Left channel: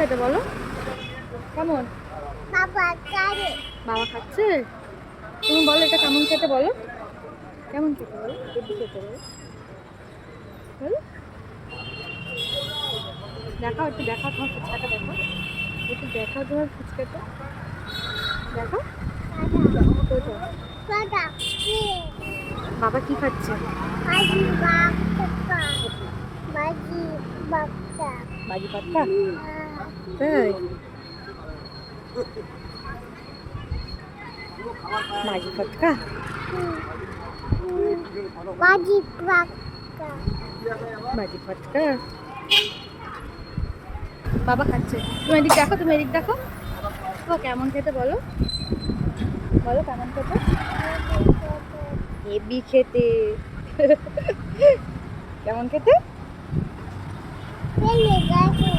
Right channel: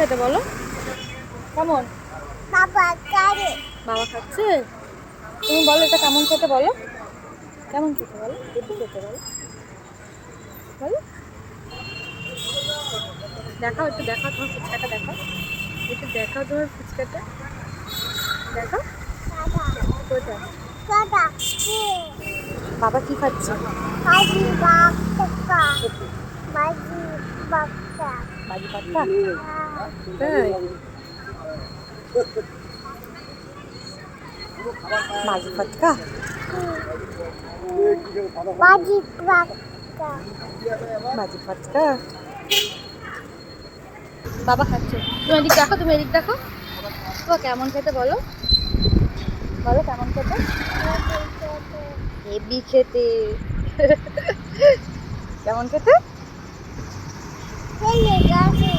খেতে বলো? কেমন? বাবা কারে বাবা খাচ্ছে। তুমি বলো এটা কেমন খেতে বলো? কেমন খেতে বলো? একটু খেতে বলো, বলো। দেখাও, একটু দেখাও তোমার ফুচকাটা, দেখাও একটু, দেখাও তোমার ফুচকাটা, দেখাও। কোথায়? দাদা বাবা কি খাচ্ছে? বাজি বাক্কা বাজি বাক্কা বাজি পাত্তা। তাই? বাজি পাত্তা। বাজি বাক্কা বাজি পাত্তা। বাবা খাচ্ছে। তুমি এদিক দেখো, তুমি এদিক দেখো। বাবা কেমন খেতে বলো? বলো কেমন খেতে? হেবি খেতে। কেমন খেতে? চলে গেছে